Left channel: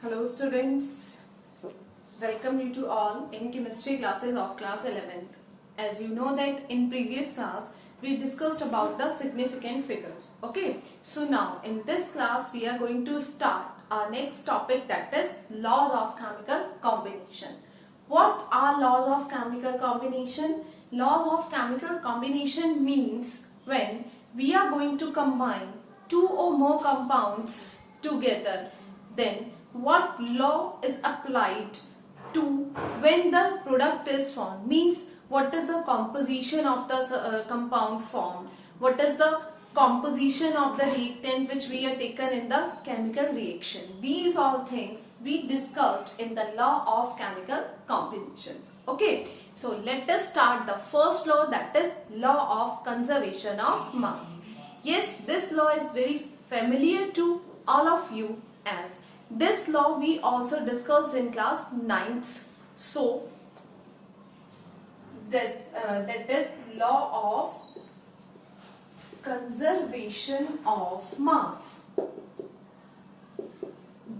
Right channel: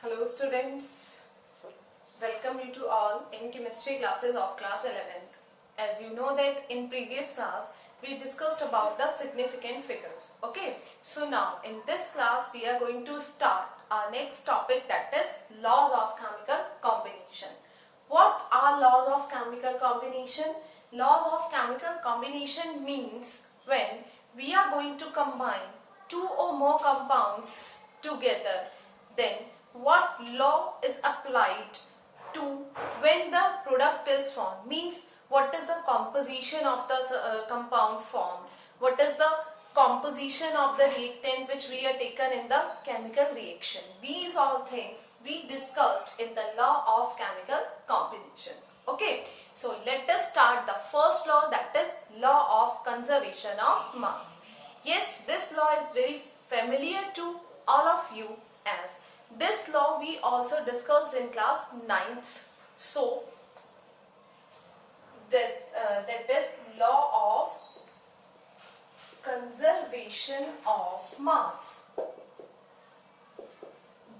Hello students, welcome you to all in chemistry classes of class 11th. As you know that in previous class we discussed about the significant figures. Okay, so now in this class we are going to start our next topic, that is laws of chemical combination. What are laws of chemical combination? Laws of chemical combination means when we are going to combine two or more compounds together, then what law is applied to when the product is formed, means what is the composition of the compound formed, what is the composition of the reactant which we are taken in the chemical reaction. These all things we discussed in the law of chemical combinations. Okay, so let us start the first law, that is law of conservation of mass. Yes, this law is very familiar to all of you, as this law we also discussed in class 9th. So that is law of conservation of mass.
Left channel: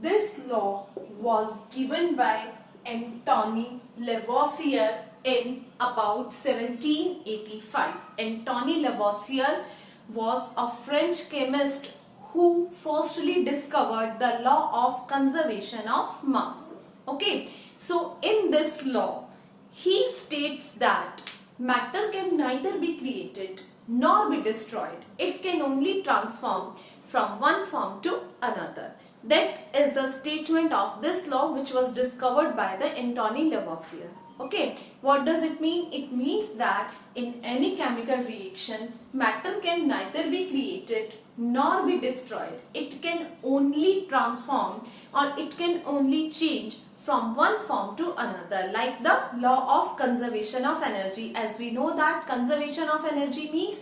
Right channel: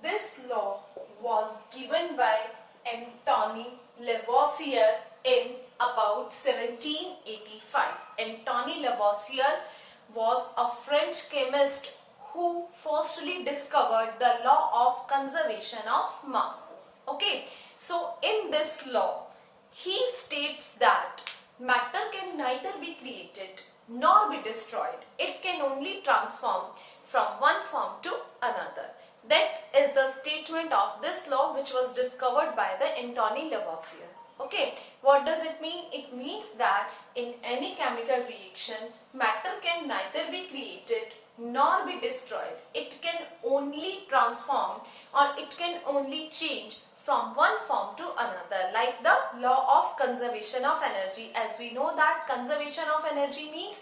This law was given by Antoine Lavoisier in about 1785. Antoine Lavoisier was a French chemist who firstly discovered the law of conservation of mass. Okay, so in this law he states that matter can neither be created nor be destroyed. It can only transform from one form to another. That is the statement of this law which was discovered by the Antoine Lavoisier. Okay, what does it mean? It means that in any chemical reaction, matter can neither be created nor be destroyed. It can only transform, or it can only change from one form to another, like the law of conservation of energy. As we know that conservation of energy means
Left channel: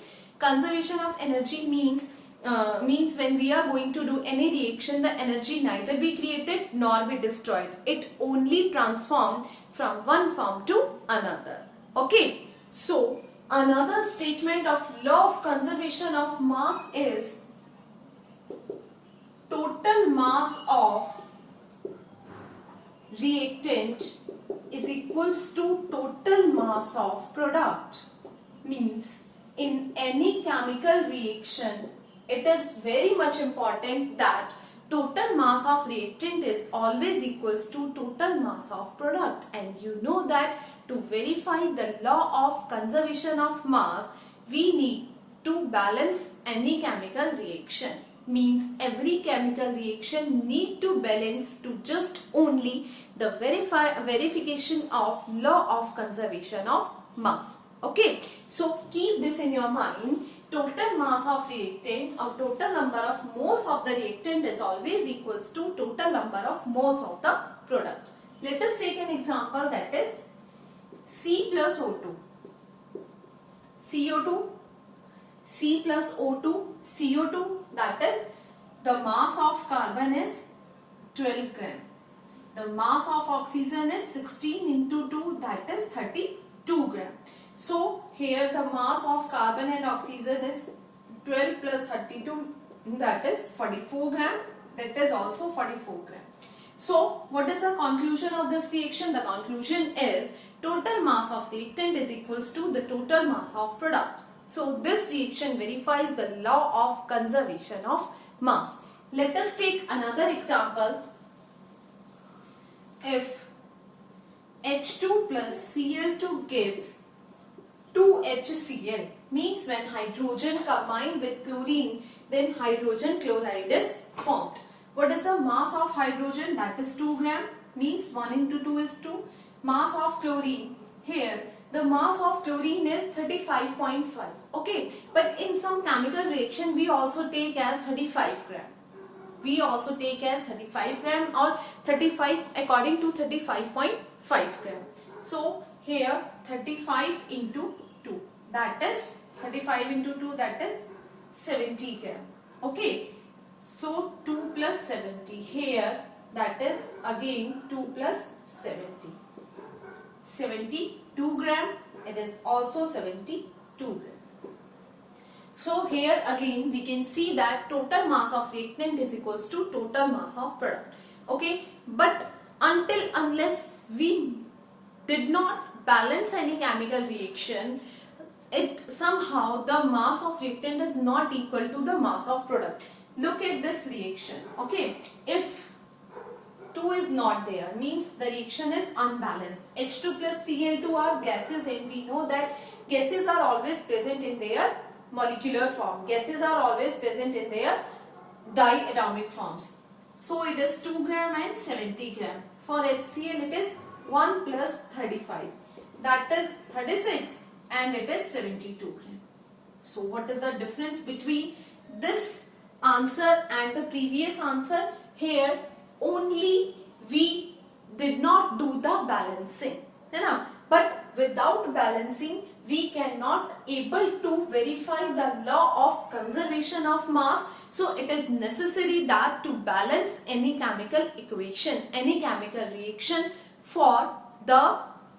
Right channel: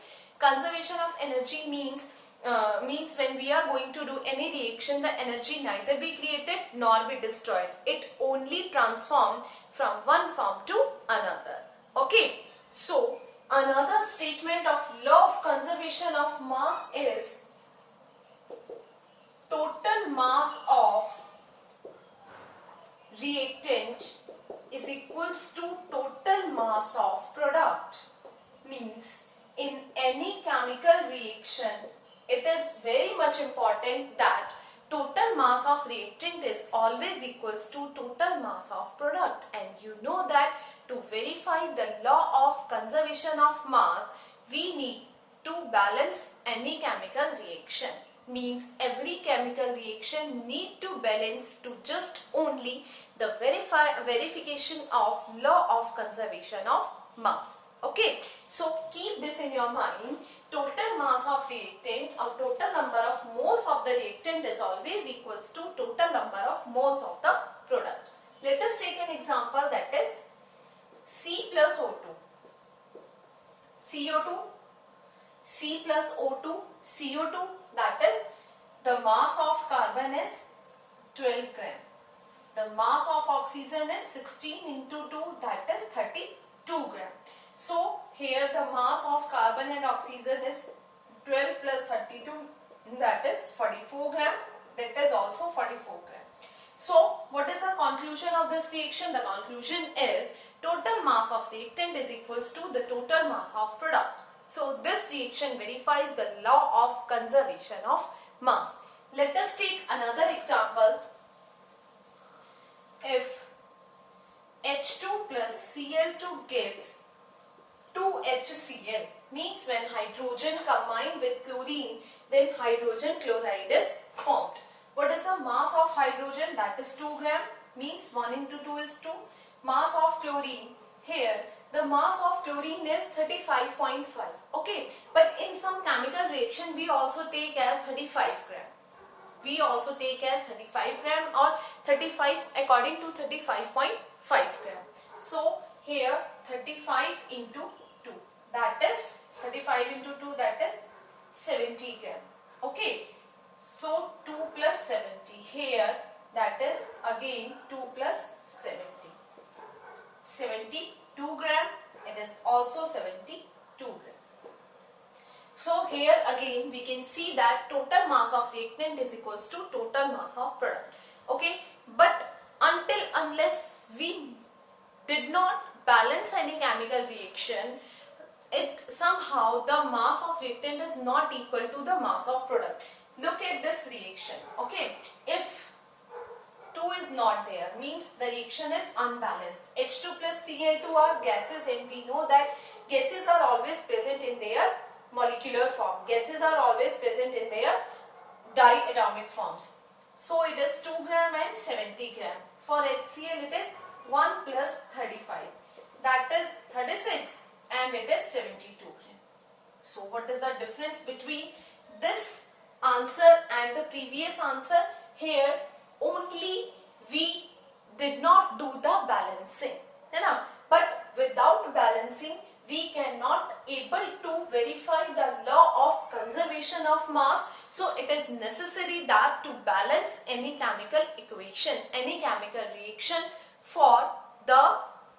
when we are going to do any reaction, the energy neither be created nor be destroyed. It only transforms from one form to another. Okay, so another statement of law of conservation of mass is total mass of reactant is equals to total mass of product. Means in any chemical reaction, it is very much important that total mass of reactant is always equals to total mass of product. And you know that to verify the law of conservation of mass, we need to balance any chemical reaction. Means every chemical reaction need to balance to just only the verification of law of conservation of mass. Okay, so keep this in your mind. Total mass of reactant or total number of moles of the reactant is always equals to total number of moles of the product. Let us take an example, that is C plus O2. CO2, C plus O2, CO2, that is the mass of carbon is 12 gram. The mass of oxygen is 16 into 2, that is 32 gram. So here the mass of carbon and oxygen is 12 plus 32, that is 44 gram. That is also 44 gram. So what is the conclusion of this reaction? The conclusion is total mass of reactant is equals to the total mass of product. So this reaction verifies the law of conservation of mass. Let us take another example. If H2 plus Cl2 gives 2HCl, means when hydrogen combined with chlorine, then hydrogen chloride is formed. What is the mass of hydrogen? That is 2 gram. Means 1 into 2 is 2. Mass of chlorine, here the mass of chlorine is 35.5. Okay, but in some chemical reaction we also take as 35 gram. We also take as 35 gram or 35 according to 35.5 gram. So here 35 into 2, that is 35 into 2, that is 70 gram. Okay, so 2 plus 70, here that is again 2 plus 70. 72 gram, it is also 72 gram. So here again we can see that total mass of reactant is equals to total mass of product. Okay, unless we did not balance any chemical reaction, it somehow the mass of reactant is not equal to the mass of product. Look at this reaction. Okay, if 2 is not there, means the reaction is unbalanced. H2 plus Cl2 are gases, and we know that gases are always present in their molecular form. Gases are always present in their diatomic forms. So it is 2 gram and 70 gram. For HCl it is 1 plus 35. That is 36 and it is 72 gram. So what is the difference between this answer and the previous answer? Here only we did not do the balancing, but without balancing we cannot able to verify the law of conservation of mass. So it is necessary that to balance any chemical equation, any chemical reaction for the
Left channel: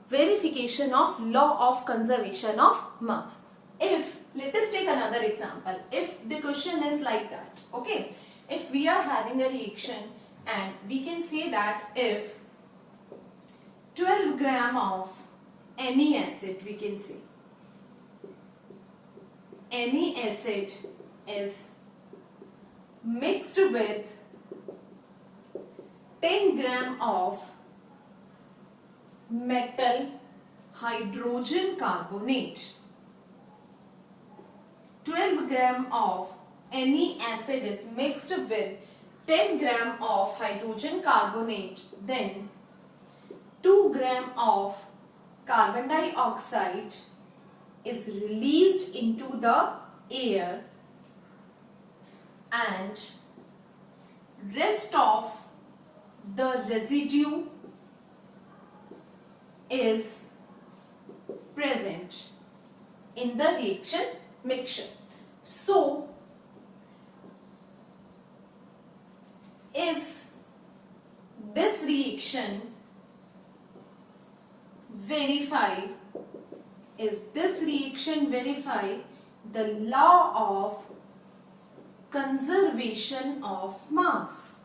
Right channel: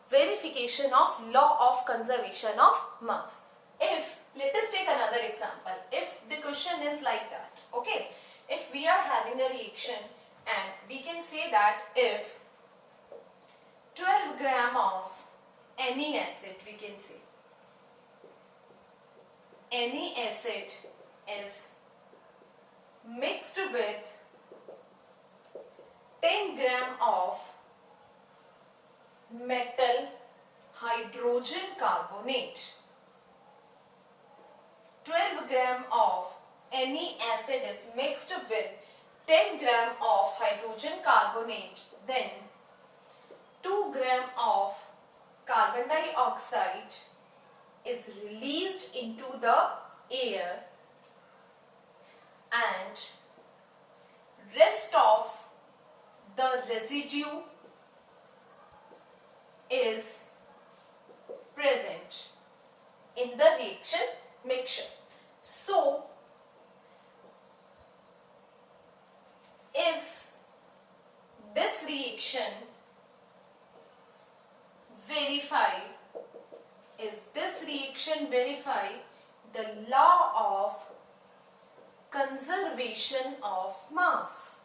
verification of law of conservation of mass. If, let us take another example. If the question is like that, okay, if we are having a reaction and we can say that if 12 gram of any acid, we can say any acid is mixed with 10 gram of metal hydrogen carbonate. 12 gram of any acid is mixed with 10 gram of hydrogen carbonate, then 2 gram of carbon dioxide is released into the air and rest of the residue is present in the reaction mixture. So, is this reaction verify the law of conservation of mass?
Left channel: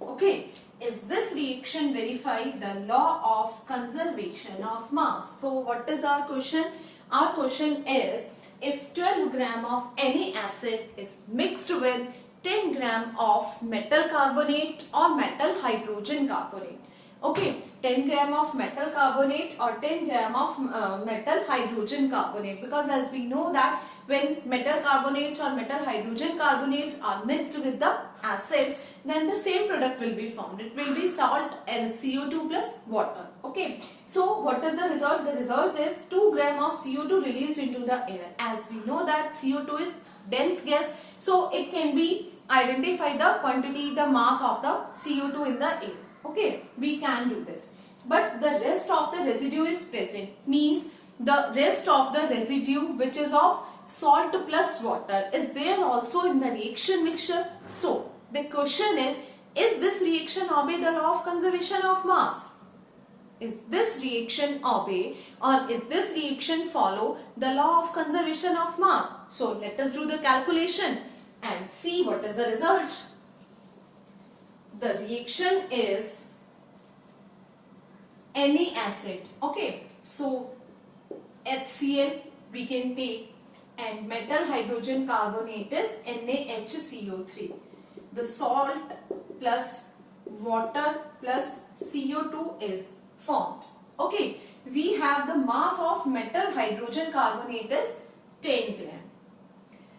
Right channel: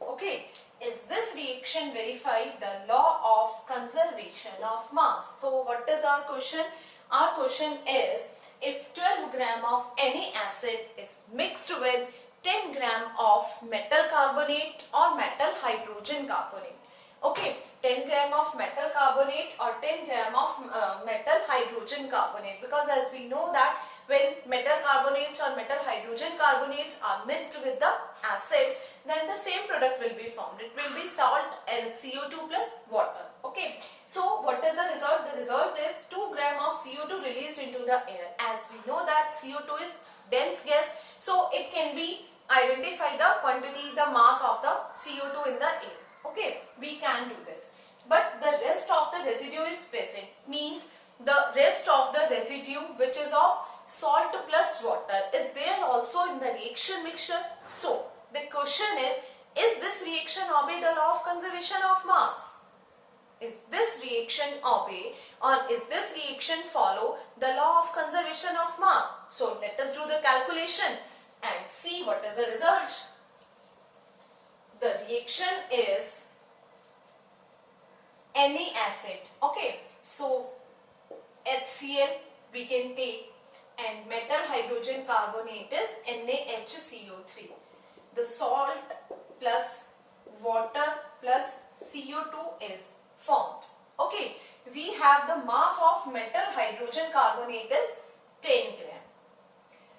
Okay, is this reaction verify the law of conservation of mass? So what is our question? Our question is, if 12 gram of any acid is mixed with 10 gram of metal carbonate or metal hydrogen carbonate. Okay, 10 gram of metal carbonate or 10 gram of metal hydrogen carbonate, because as we know that when metal carbonates or metal hydrogen carbonates are mixed with the acids, then the same product will be formed. It will be salt and CO2 plus water. Okay, so what is the result? The result is 2 gram of CO2 released into the air. As we know that CO2 is dense gas, so it can be identify the quantity, the mass of the CO2 in the air. Okay, we can do this. But the rest of the residue is present, means the rest of the residue which is of salt plus water is there also in the reaction mixture. So the question is this reaction obey the law of conservation of mass? Is this reaction obey or is this reaction follow the law of conservation of mass? So let us do the calculation and see what is the result. The reaction is any acid. Okay, so HCl we can take and metal hydrogen carbonate is NaHCO3. The salt plus water plus CO2 is formed. Okay, we have the mass of metal hydrogen carbonate is 10 gram.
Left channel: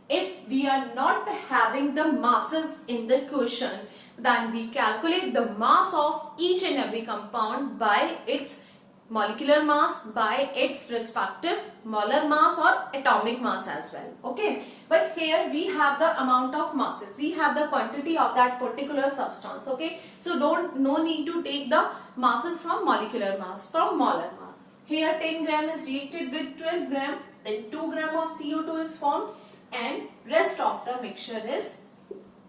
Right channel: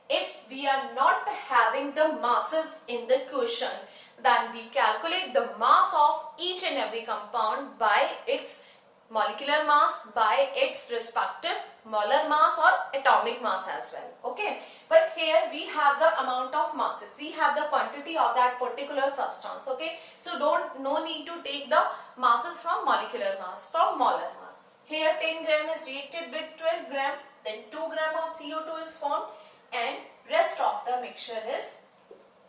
If we are not having the masses in the question, then we calculate the mass of each and every compound by its molecular mass, by its respective molar mass or atomic mass as well. Okay, but here we have the amount of masses, we have the quantity of that particular substance. Okay, so no need to take the masses from molecular mass, from molar mass. Here 10 gram is reacted with 12 gram, then 2 gram of CO2 is formed and rest of the mixture is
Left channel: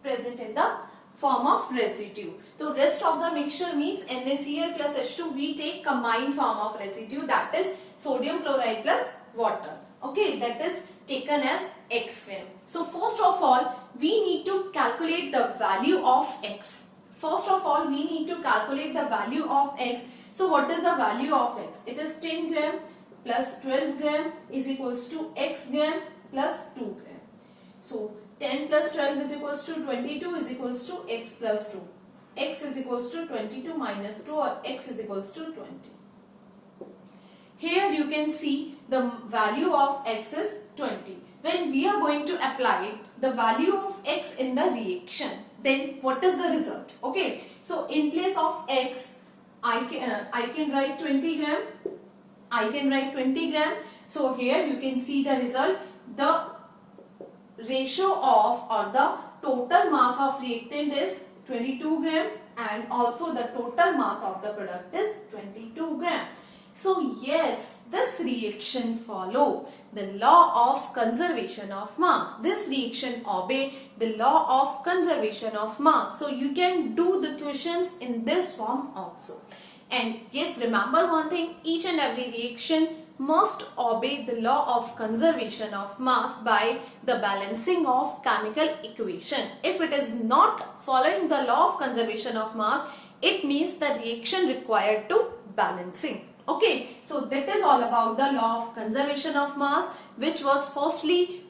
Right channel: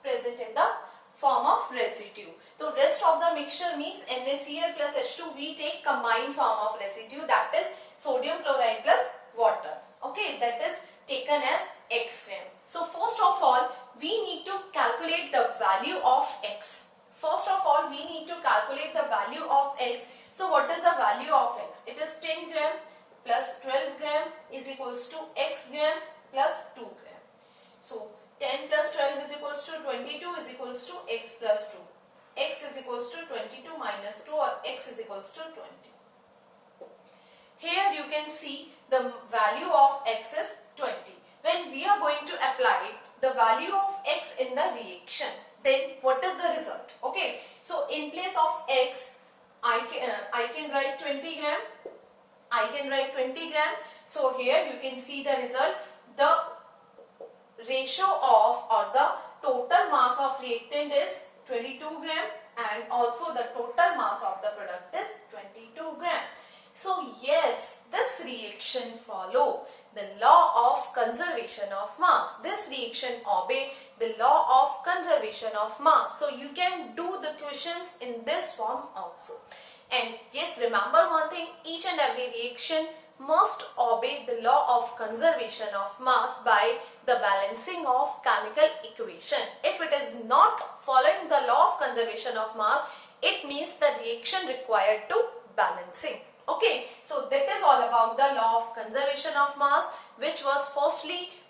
present in the form of residue. So rest of the mixture means NaCl plus H2, we take combined form of residue, that is sodium chloride plus water. Okay, that is taken as X gram. So first of all we need to calculate the value of X. First of all, we need to calculate the value of x. So what is the value of x? It is 10 gram plus 12 gram is equals to x gram plus 2 gram. So 10 plus 12 is equals to 22 is equals to x plus 2. X is equals to 22 minus 2, or x is equals to 20. Here you can see the value of x is 20. When we are going to apply the value of x in the reaction, then what is the result? Okay, so in place of x, I can write 20 gram. I can write 20 gram. So here you can see the result. The ratio of, or the total mass of reactant is 22 gram, and also the total mass of the product is 22 gram. So yes, this reaction follow the law of conservation of mass. This reaction obey the law of conservation of mass. So you can do the questions in this form also. And yes, remember one thing, each and every reaction must obey the law of conservation of mass by the balancing of chemical equation. If it is not following the law of conservation of mass, it means the reaction required to balancing. Okay, so that is all about the law of conservation of mass, which was firstly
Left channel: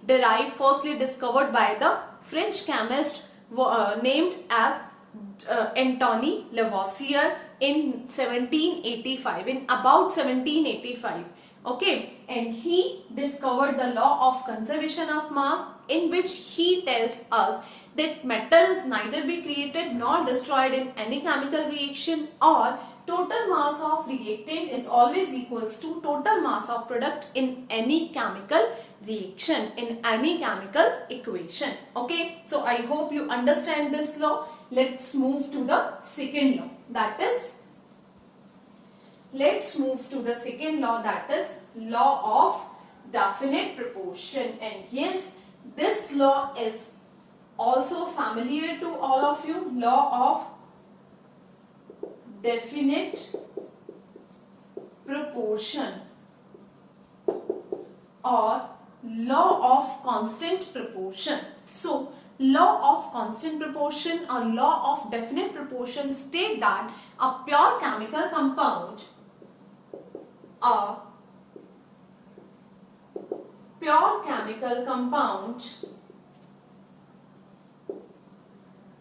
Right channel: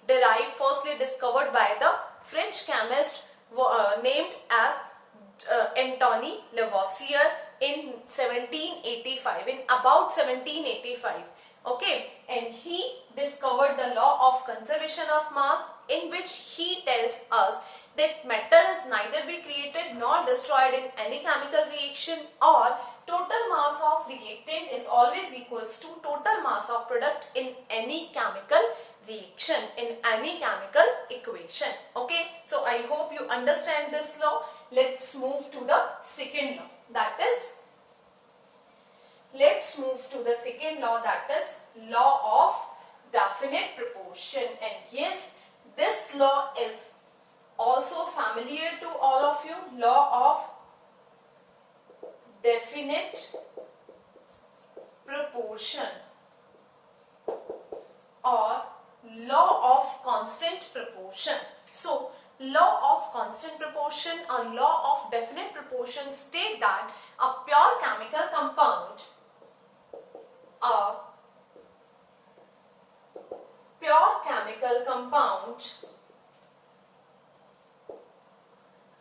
discovered by the French chemist named as Antoine Lavoisier in 1785, in about 1785. Okay, and he discovered the law of conservation of mass, in which he tells us that matter is neither be created nor destroyed in any chemical reaction, or total mass of reactant is always equals to total mass of product in any chemical reaction, in any chemical equation. Okay, so I hope you understand this law. Let's move to the second law, that is, let's move to the second law, that is law of definite proportion. And yes, this law is also familiar to all of you, law of definite proportion or law of constant proportion. So law of constant proportion or law of definite proportion state that a pure chemical compound,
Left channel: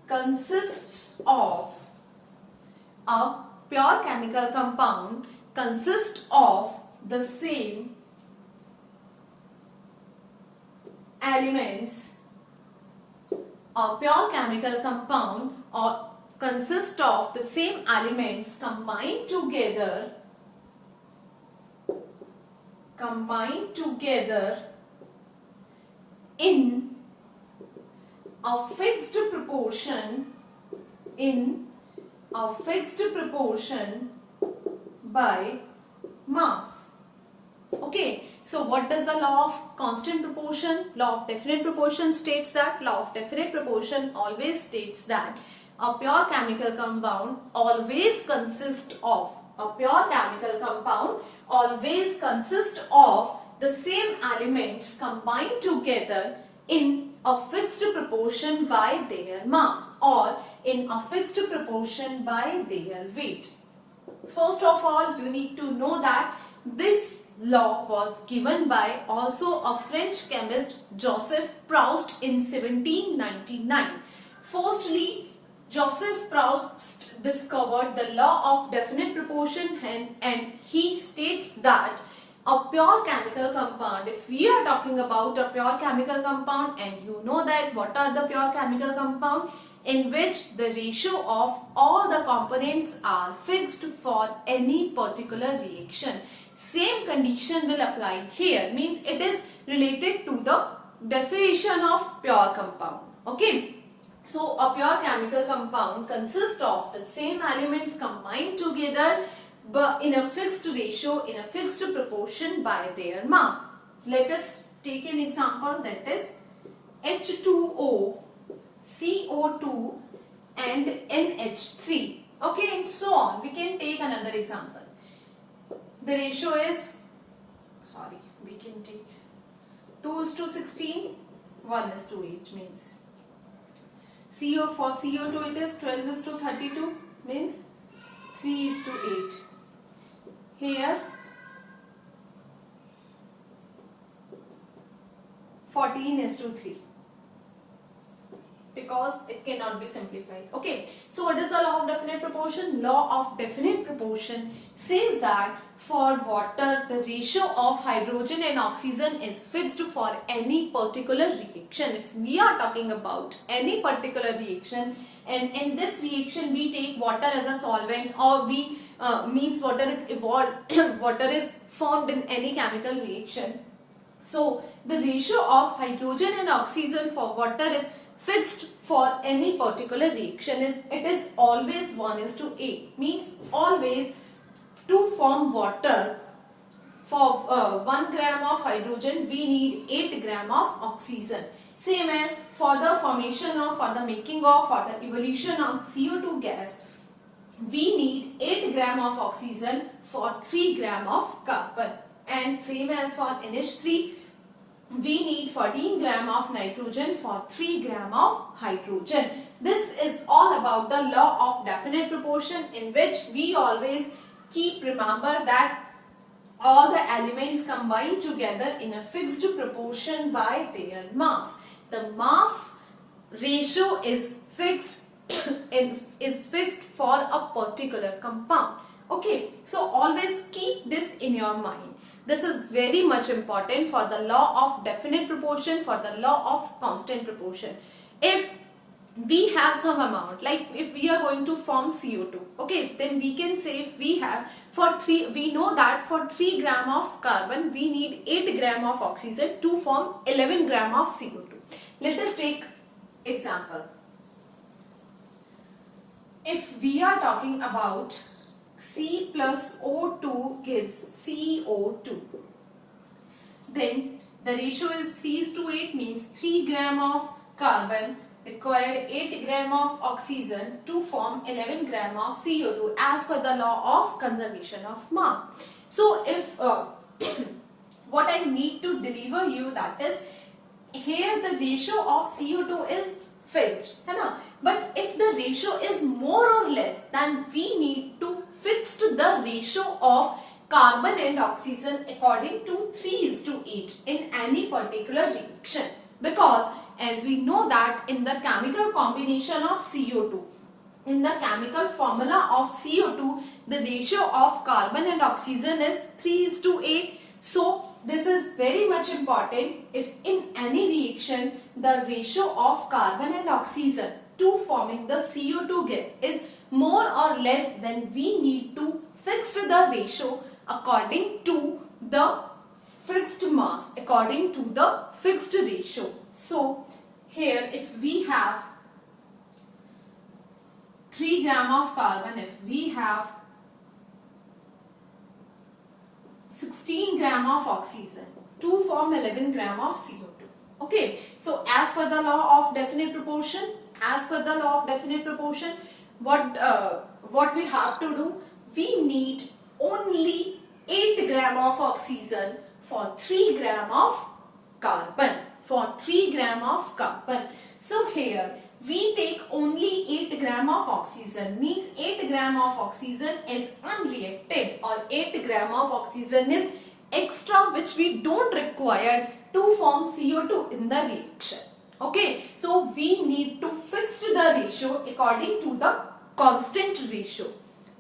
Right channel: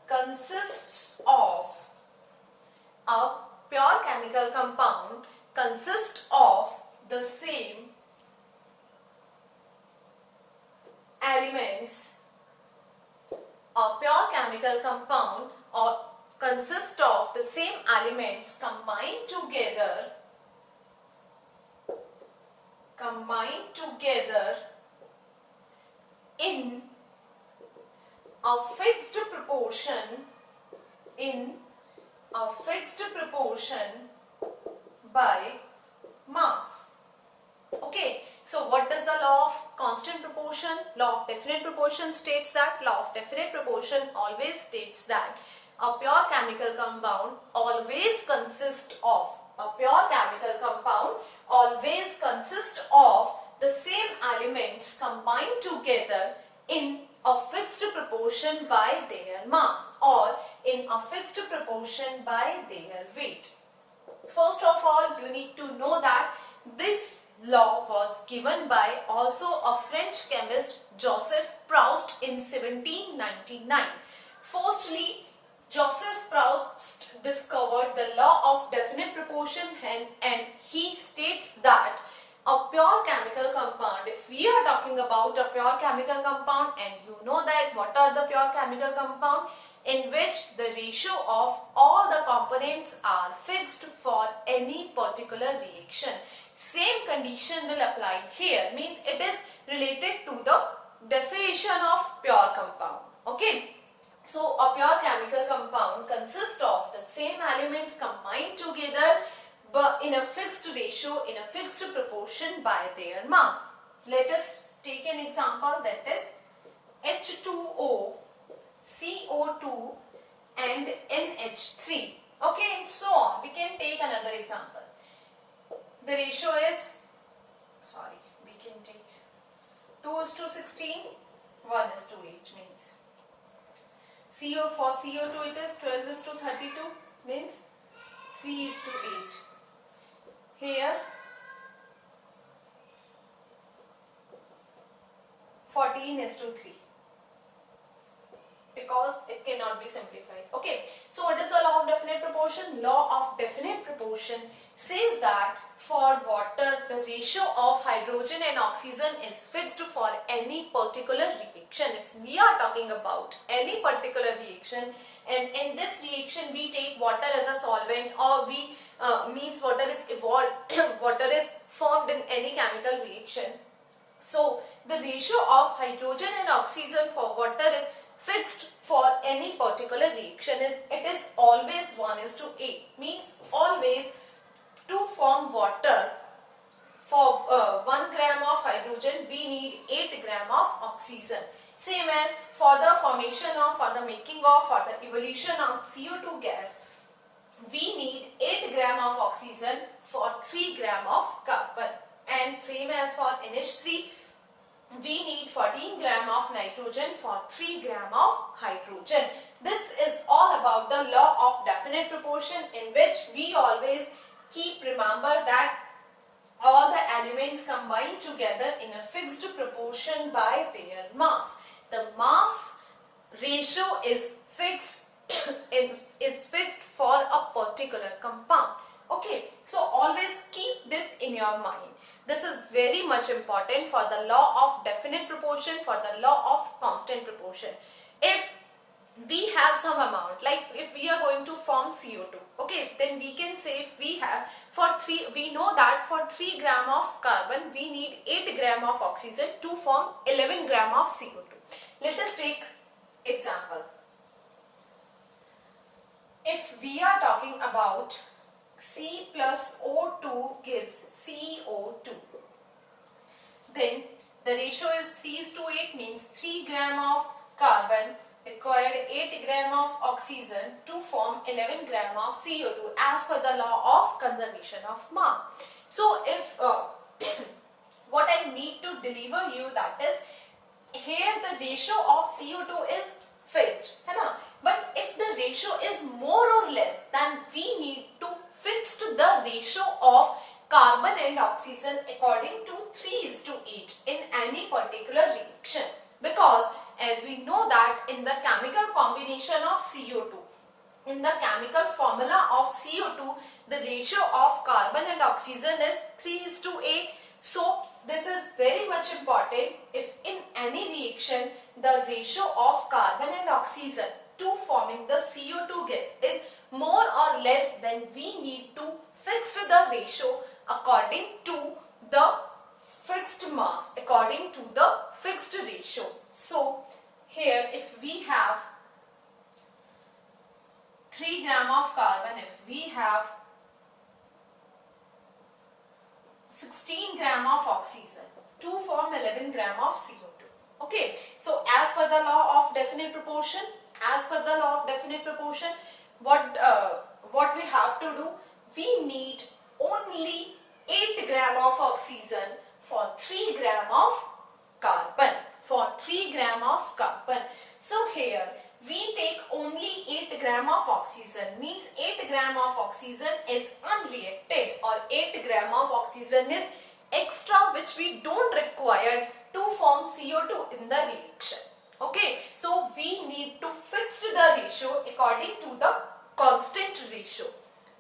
consists of the same elements. A pure chemical compound or consists of the same elements combined together in a fixed proportion by mass. Okay, so what does the law of constant proportion, law of definite proportion states that? Law of definite proportion always states that a pure chemical compound always consists of the same elements combined together in a fixed proportion by their mass, or in a fixed proportion by their weight. First of all, you need to know that this law was given by also a French chemist, Joseph Proust, in 1799. Firstly, Joseph Proust discovered the law of definite proportion, and he states that a pure chemical compound, if we are talking about a pure chemical compound, and you know that what are the pure chemical compound, in which the ratio of all the components are fixed for any particular reaction. Same condition will apply here, means it is related to the definition of pure compound. Okay, so a pure chemical compound consists of the same elements combined together but in a fixed ratio, in a fixed proportion by their mass. Let us take an example, that is H2O, CO2 and NH3. Okay, and so on. We can take another example. The ratio is, we can take 2:16, 1:8 means. For CO2 it is 12 is to 32, means 3 is to 8. Here 14 is to 3, because it cannot be simplified. Okay, so what is the law of definite proportion? Law of definite proportion says that for water, the ratio of hydrogen and oxygen is fixed for any particular reaction. If we are talking about any particular reaction, and in this reaction we take water as a solvent, or we means water is evolved, water is formed in any chemical reaction. So the ratio of hydrogen and oxygen for water is fixed for any particular reaction. It is always 1:8, means always to form water, for 1 gram of hydrogen we need 8 gram of oxygen. Same as for the formation of, for the making of, for the evolution of CO2 gas, we need 8 gram of oxygen for 3 gram of carbon. And same as for NH3, we need 14 gram of nitrogen for 3 gram of hydrogen. This is all about the law of definite proportion, in which we always remember that all the elements combine together in a fixed proportion by their mass. The mass ratio is fixed for a particular compound. Okay, so always keep this in your mind. This is very much important for the law of definite proportion, for the law of constant proportion. If we have some amount, like if we are going to form CO2, okay, then we can say if we have we know that for 3 gram of carbon we need 8 gram of oxygen to form 11 gram of CO2. Let us take example. If we are talking about C plus O2 gives CO2, then the ratio is 3:8, means 3 gram of carbon required 8 gram of oxygen to form 11 gram of CO2 as per the law of conservation of mass. So if what I need to deliver you, that is, here the ratio of CO2 is fixed, है ना? But if the ratio is more or less, then we need to fix the ratio of carbon and oxygen according to 3:8 in any particular reaction. Because as we know that in the chemical combination of CO2, in the chemical formula of CO2, the ratio of carbon and oxygen is 3:8. So this is very much important. If in any reaction the ratio of carbon and oxygen to forming the CO2 gas is more or less, then we need to fix the ratio according to the fixed mass, according to the fixed ratio. So here if we have 3 gram of carbon, if we have 16 gram of oxygen to form 11 gram of CO2. Okay, so as per the law of definite proportion, what we have to do, we need only 8 gram of oxygen for 3 gram of carbon. So here we take only 8 gram of oxygen, means 8 gram of oxygen is unreacted, or 8 gram of oxygen is extra, which we don't require to form CO2 in the reaction. Okay, so we need to fix the ratio according to the constant ratio.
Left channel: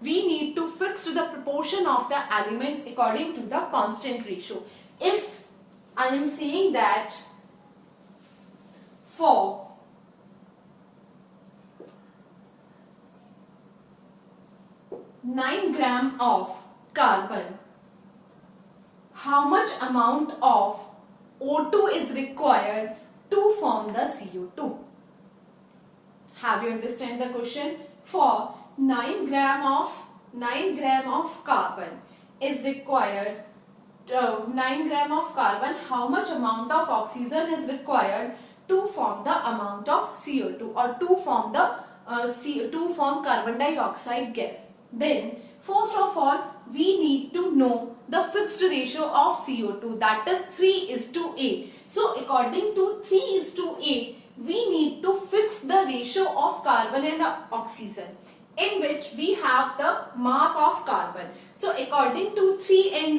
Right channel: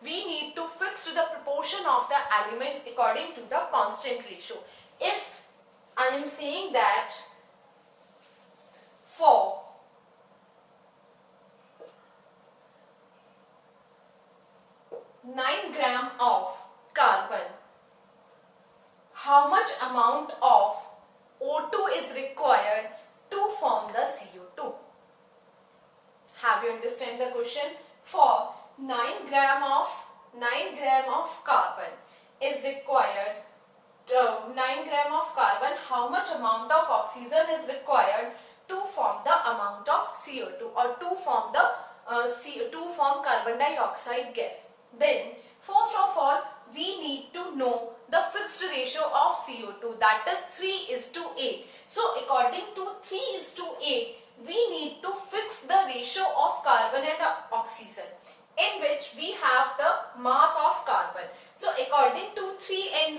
We need to fix the proportion of the elements according to the constant ratio. If I am saying that for 9 gram of carbon, how much amount of O2 is required to form the CO2? Have you understand the question? For 9 gram of carbon is required, 9 gram of carbon, how much amount of oxygen is required to form the amount of CO2, or to form the carbon dioxide gas? Then first of all we need to know the fixed ratio of CO2, that is 3:8. So according to 3:8, we need to fix the ratio of carbon and oxygen, in which we have the mass of carbon. So according to 3 and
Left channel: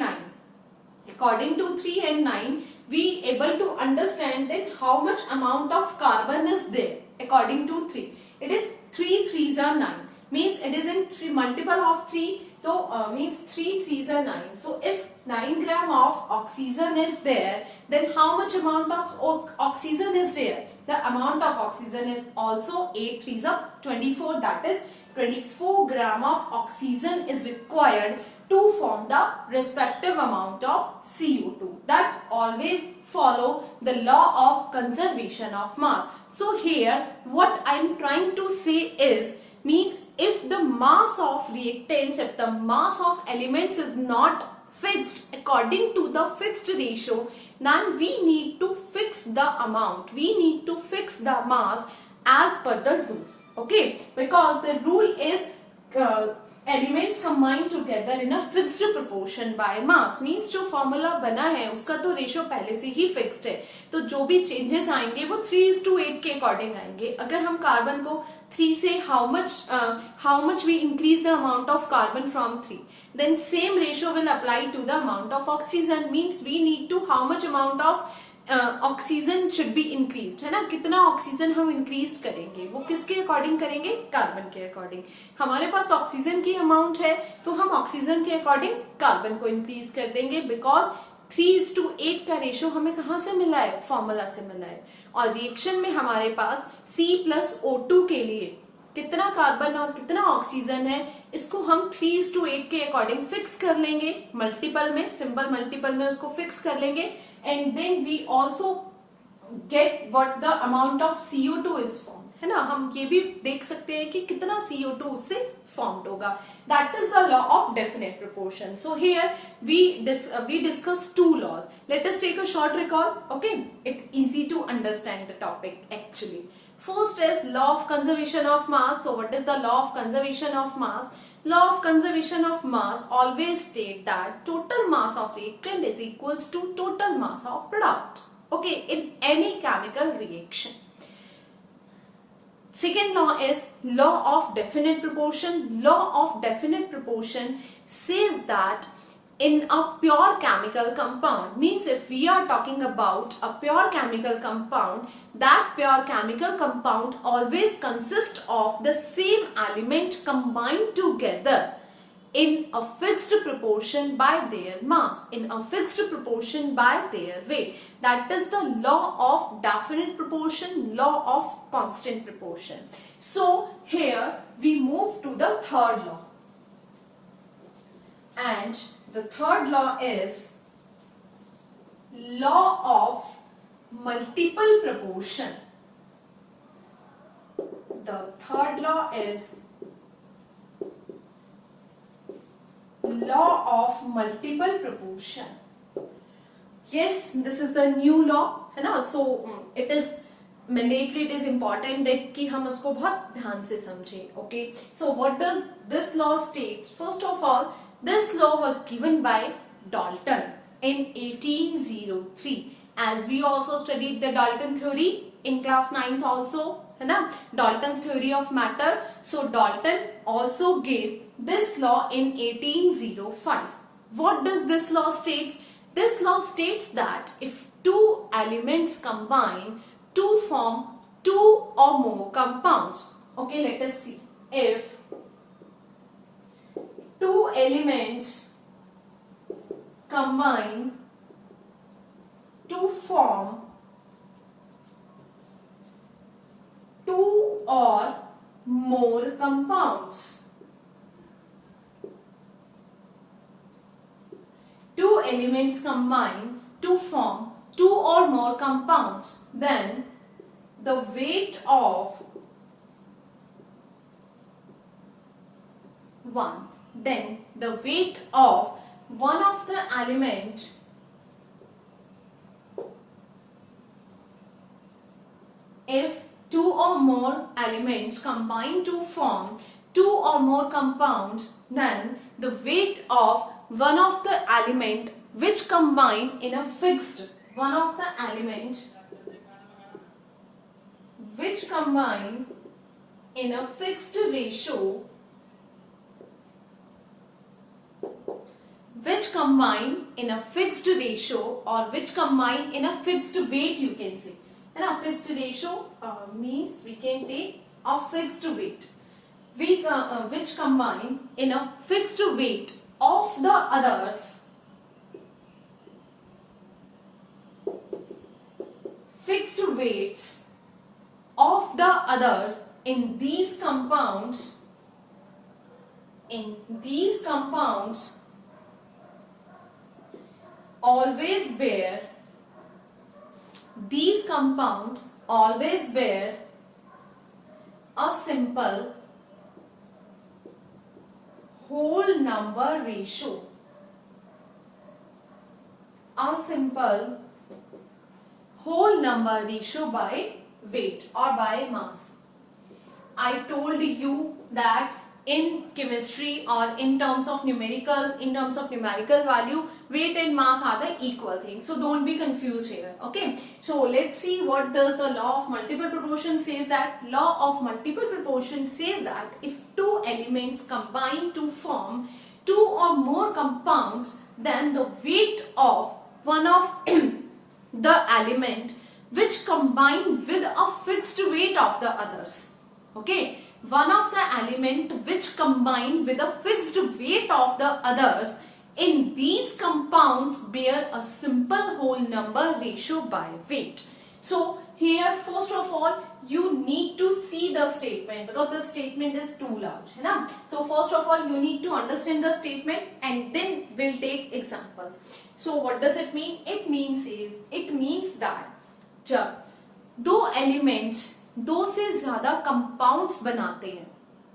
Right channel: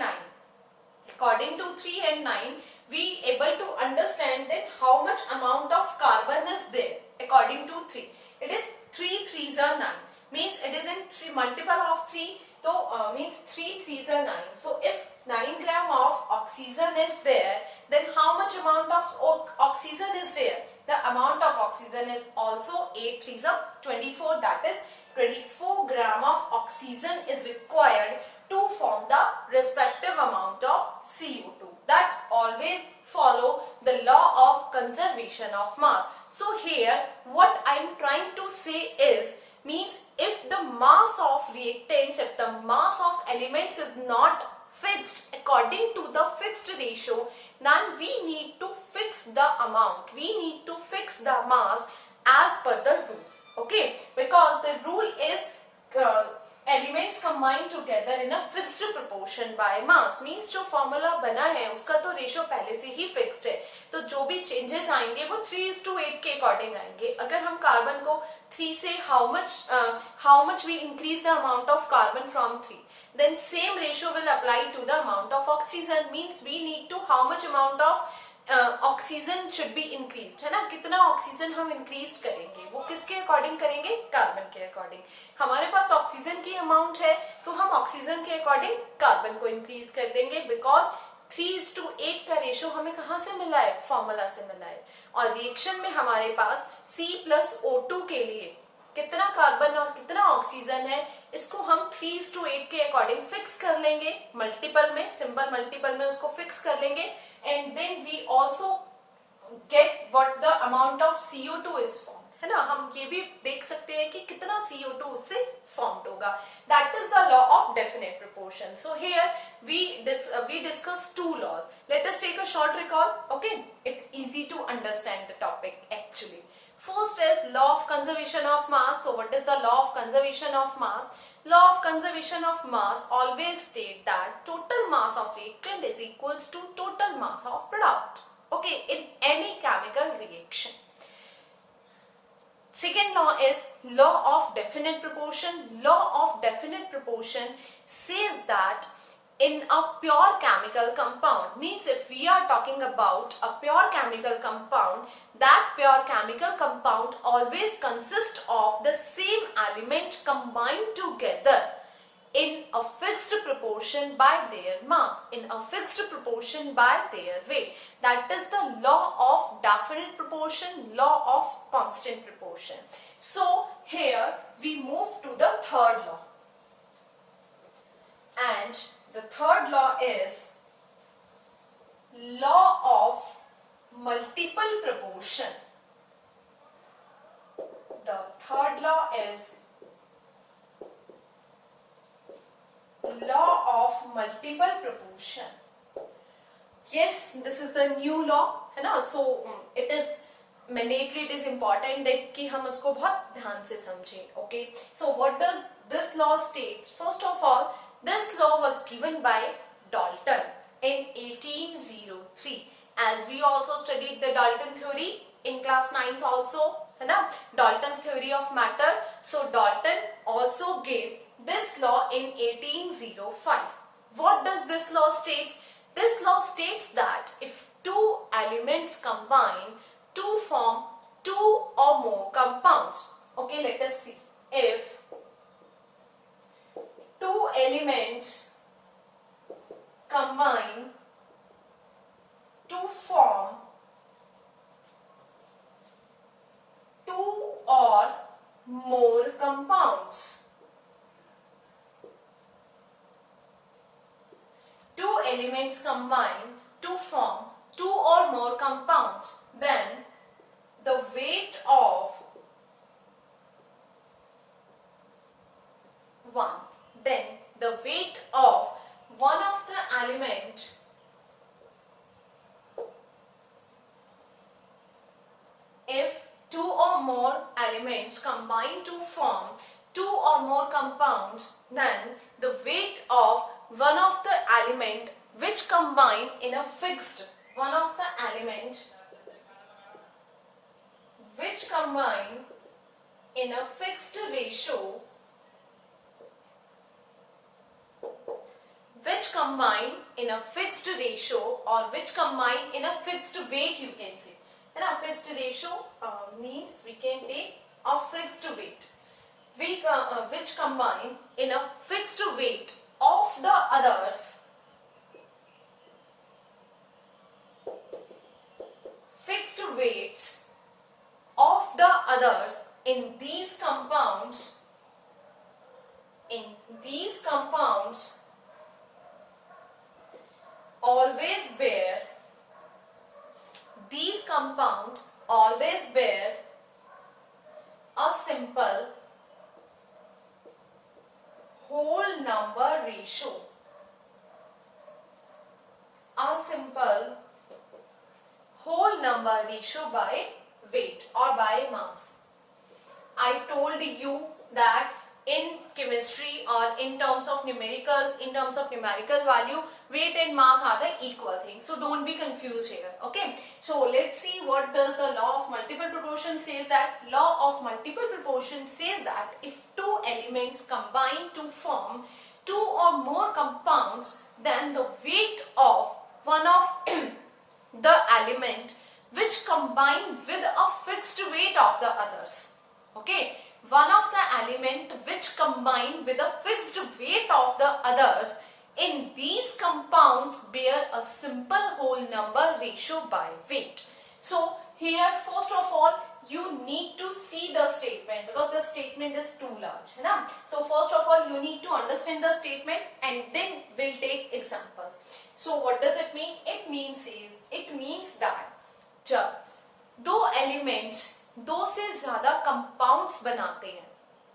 9, we able to understand that how much amount of carbon is there. According to 3, it is 3 3s are 9, means it is in 3 multiple of 3, so means 3 3s are 9. So if 9 gram of oxygen is there, then how much amount of oxygen is there? The amount of oxygen is also 8 3s are 24, that is 24 gram of oxygen is required to form the respective amount of CO2. That always follow the law of conservation of mass. So here what I am trying to say is, means if the mass of reactants, if the mass of elements is not fixed according to the fixed ratio, then we need to fix the amount, we need to fix the mass as per the rule. Okay, because the rule is elements combine together in a fixed proportion by mass, means जो formula बना है उसका तो ratio पहले से ही fixed है, तो जो भी चेंजेस आएंगे वो 3:8 के अकॉर्डिंग आएंगे. अगर हम कार्बन को 3 से how much we increase the amount of carbon from 3, then same ratio will apply to the amount of oxygen, means we need to how much amount of oxygen should be increase, है ना. कितना oxygen हम increase करेंगे वो किसके according करेंगे? Carbon के according. हमारे पास ऑक्सीजन की अमाउंट है तो हम ऑक्सीजन के अकॉर्डिंग कार्बन को इंक्रीज कर देंगे, बिकॉज 3:8 का रेशियो हमें कहां से मिला है? फॉर्मूला से मिला है. और रिएक्शन में हमारे पास C+O2 के लिए कितना कार्बन और कितना ऑक्सीजन है, इसको हम 3:8 के अकॉर्डिंग फिक्स कर लेंगे मल्टीपल में, सिंपल मल्टीपल में उसको फिक्स कर लेंगे. And then we also get what the amount of CO2 is form, है ना. हम ये भी देख सकते हैं कि कितना CO2 उससे फॉर्म्ड होगा. That is the law of definite proportion. So here we discuss two laws. Let us take a short recall. Okay, it's easy to understand the topic actually. First is law of conservation of mass. So what is the law of conservation of mass? Law of conservation of mass always state that total mass of reactant is equals to total mass of product. Okay, in any chemical reaction. Second law is law of definite proportion. Law of definite proportion says that in a pure chemical compound, means if we are talking about a pure chemical compound, that pure chemical compound always consists of the same element combined together in a fixed proportion by their mass, in a fixed proportion by their weight. That is the law of definite proportion, law of constant proportion. So here we move to the third law, and the third law is law of multiple proportion. The third law is law of multiple proportion. Yes, this is the new law, है ना. So it is mandatory, it is important that कि हम उसको बहुत ध्यान से समझें. Okay, so what does this law state? First of all, this law was given by Dalton in 1803. As we also studied the Dalton theory in class 9th also, है ना, Dalton's theory of matter. So Dalton also gave this law in 1805. What does this law state? This law states that if two elements combine to form two or more compounds. Okay, let us see. If two elements combine to form two or more compounds. Two elements combine to form two or more compounds. Then the weight of one of the element if two or more elements combine to form two or more compounds, then the weight of one of the element which combine in a fixed one of the element which combine in a fixed ratio, which combine in a fixed ratio or which combine in a fixed weight, you can say. है ना, fixed ratio means we can take a fixed weight. Which combine in a fixed weight of the others, fixed weight of the others in these compounds, always bear, these compounds always bear a simple whole number ratio, a simple whole number ratio by weight or by mass. I told you that in chemistry or in terms of numericals, in terms of numerical value, weight and mass are the equal thing. So don't be confused here. Okay. So let's see what does the law of multiple proportion says. That law of multiple proportion says that if two elements combine to form two or more compounds, then the weight of one of the element which combine with a fixed weight of the others. Okay. One of the element which combine with a fixed weight of the others in these compounds bear a simple whole number ratio by weight. So here first of all you need to see the statement because the statement is too large, है ना? So first of all you need to understand the statement and then we'll take examples. So what does it mean? It means that जब दो elements दो से ज्यादा compounds बनाते हैं,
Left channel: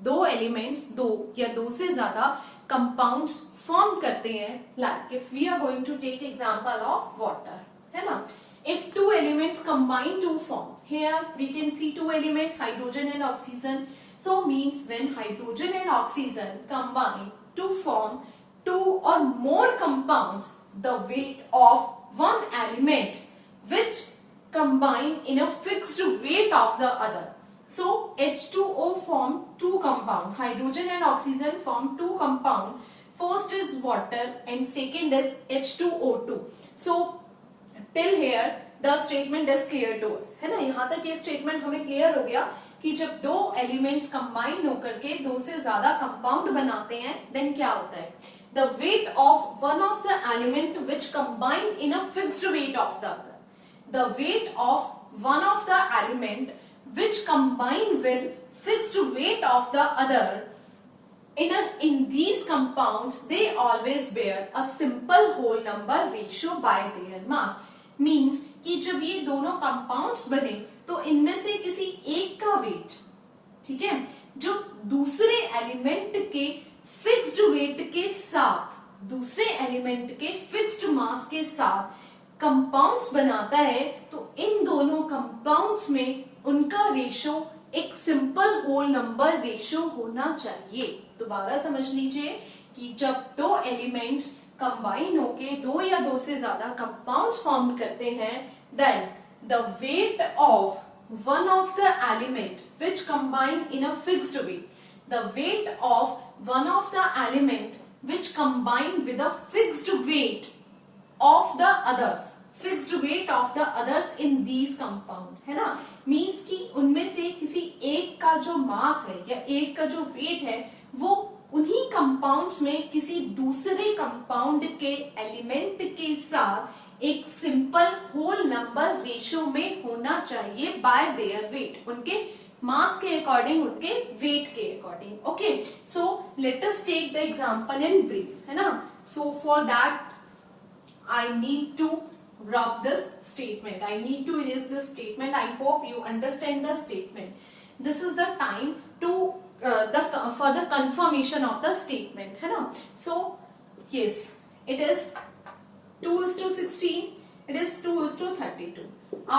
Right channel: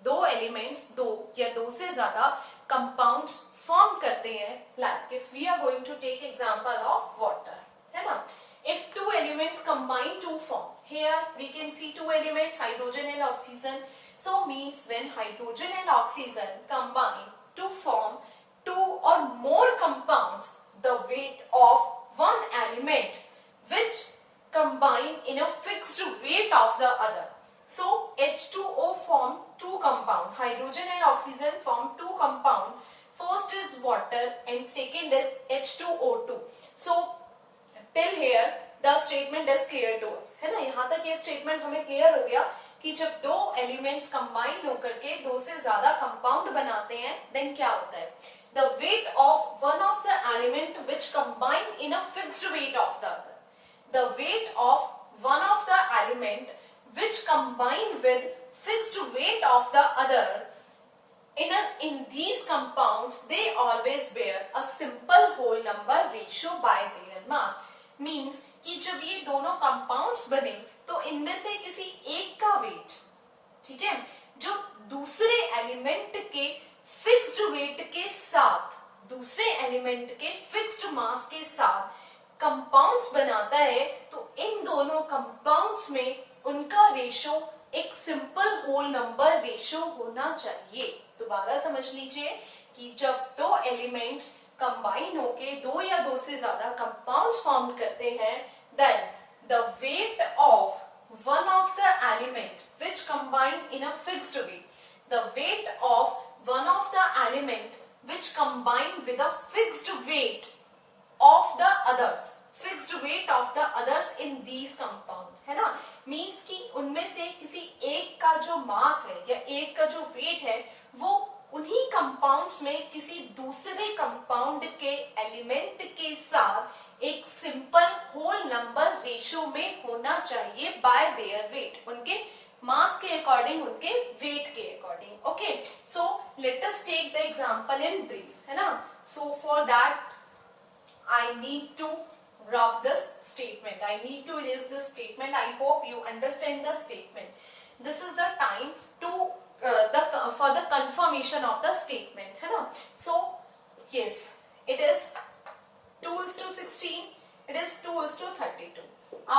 दो एलिमेंट्स दो या दो से ज्यादा कंपाउंड्स फॉर्म करते हैं, like if we are going to take example of water, है ना. If two elements combine to form, here we can see two elements hydrogen and oxygen. So means when hydrogen and oxygen combine to form two और more compounds, the weight of one element which combine in a fixed weight of the other. So H2O form two compound, hydrogen and oxygen form two compound. First is water and second is H2O2. So till here the statement is clear to us, है ना. यहाँ तक ये statement हमें clear हो गया कि जब दो elements combine होकर के दो से ज्यादा compound बनाते हैं, then क्या होता है? The weight of one of the element which combine in a fixed weight of the other. The weight of one of the element which combine with fixed weight of the other in these compounds, they always bear a simple whole number ratio by their mass. Means कि जब ये दोनों compounds बने तो इनमें से किसी एक का weight, ठीक है, जो दूसरे element के fixed weight के साथ, दूसरे element के fixed mass के साथ कंपाउंड्स बनाता है, तो इन दोनों कंपाउंड्स में उनका रेशो एक सिंपल होल नंबर रेशो होना चाहिए. दोबारा समझ लीजिए कि जब दो एलिमेंट्स कंबाइन होके दो या दो से ज्यादा कंपाउंड्स फॉर्म करते हैं, then the weight of one of the element which combine in a fixed weight, the weight of one of the element which combine with a fixed weight of the others, fixed weight of the others in these compound, है ना. Means कि उनमें से किसी एक का जो मास है या एक का जो वेट है वो उन्हीं कंपाउंड्स में किसी दूसरे कंपाउंड के एलिमेंट के साथ एक सिंपल होल नंबर रेशियो में होना चाहिए बाय देयर वेट, उनके मास के अकॉर्डिंग, उनके वेट के according. Okay, so let us take the example in brief, है ना. So for that I need to rub this statement. I need to erase this statement. I hope you understand the statement. This is the time to for the confirmation of the statement, है ना. So yes, it is 2:16. It is 2:32.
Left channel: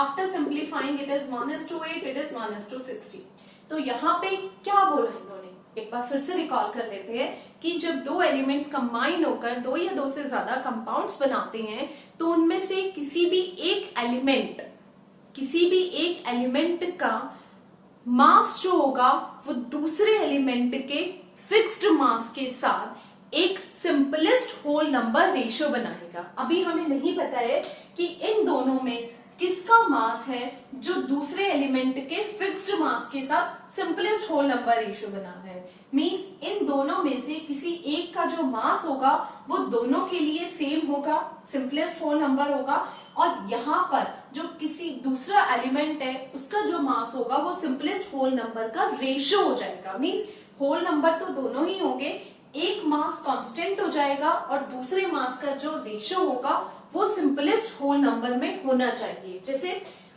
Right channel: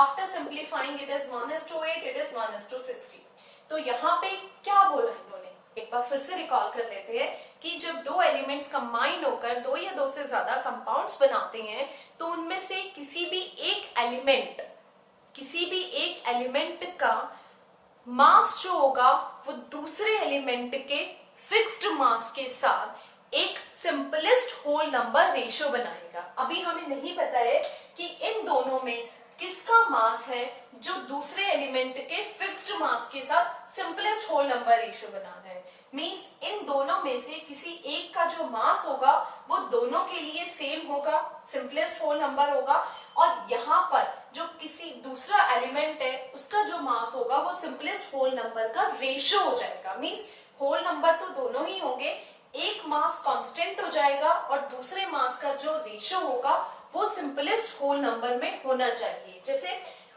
After simplifying, it is 1:8. It is 1:16. तो यहाँ पे क्या बोला इन्होंने, एक बार फिर से रिकॉल कर लेते हैं कि जब दो एलिमेंट्स कंबाइन होकर दो या दो से ज्यादा कंपाउंड्स बनाते हैं तो उनमें से किसी भी एक एलिमेंट का मास जो होगा वो दूसरे एलिमेंट के फिक्स्ड मास के साथ एक सिंपलेस्ट होल नंबर रेशियो बनाएगा। अभी हमें नहीं पता है कि इन दोनों में किसका मास है जो दूसरे एलिमेंट के फिक्स्ड मास के साथ सिंपलेस्ट होल नंबर रेशियो बना रहा है। मींस इन दोनों में से किसी एक का जो मास होगा वो दोनों के लिए सेम होगा, सिंपलेस्ट होल नंबर होगा, और यहाँ पर जो किसी दूसरा एलिमेंट है उसका जो मास होगा वो सिंपलेस्ट होल नंबर का रेशियो हो जाएगा। मींस होल नंबर तो दोनों ही होंगे, एक मास कांस्टेंट हो जाएगा और दूसरे मास का जो रेशियो होगा वो सिंपलेस्ट होल नंबर में होना चाहिए। जैसे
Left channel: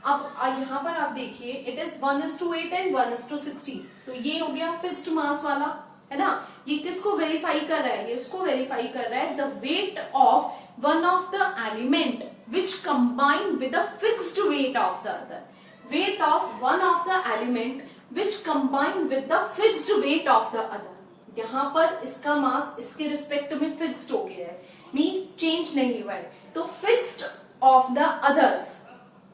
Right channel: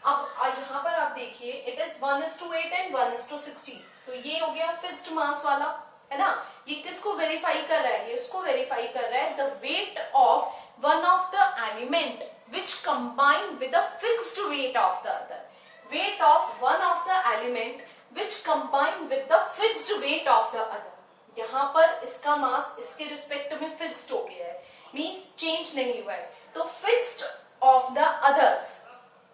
अब यहाँ पर आप देखिए इट इज 1:8 एंड 1:16, तो ये हो गया फिक्स्ड मास वाला, है ना। ये किसको वेरीफाई कर रहा है? ये इसको वेरीफाई कर रहा है the weight of one of the element which combine with the fixed weight of the other. Wait of one of the element which combine with the fixed weight of the other. यहाँ पर इसका मास इसके respect में fixed हो गया है, means change नहीं हुआ है। तो fixed of the others